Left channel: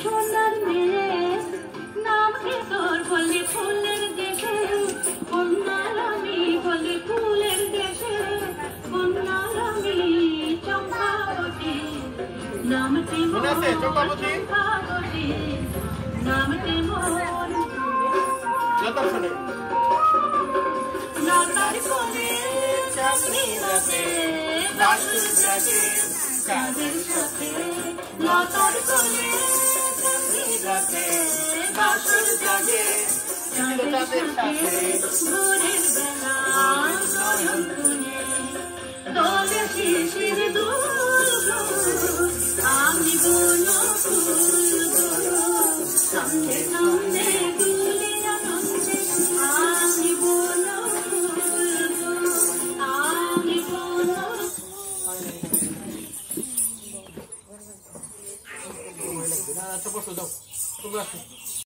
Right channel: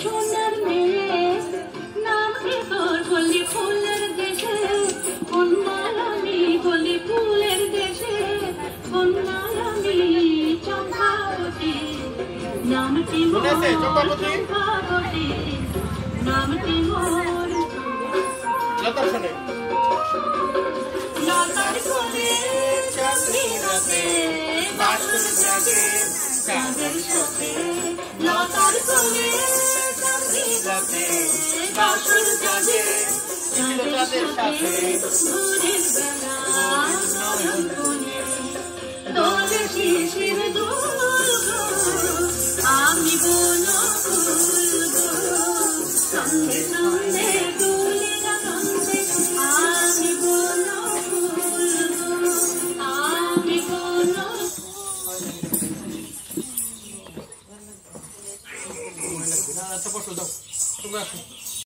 সোনার মেয়ে নাম কি তোর বলি ফুলের দেশে কন্যার আমি বলি ফুলের দেশে কন্যার আমি চম্পাবতী নামটি মোর চম্পাবতী নামটি মোর লতার কোলে চাঁদনি রাতে বাসুর জাগে চাঁদের সাথে লতার কোলে চাঁদনি রাতে বাসুর জাগে চাঁদের সাথে ভোরের বেলা নয়ন কোণে দোলে শিশির দুর্গ আমি বলো ফুলব সন্ধে সন্ধে দুলে আনন্দে আমি বলো ফুলব আমি বলো তোমরা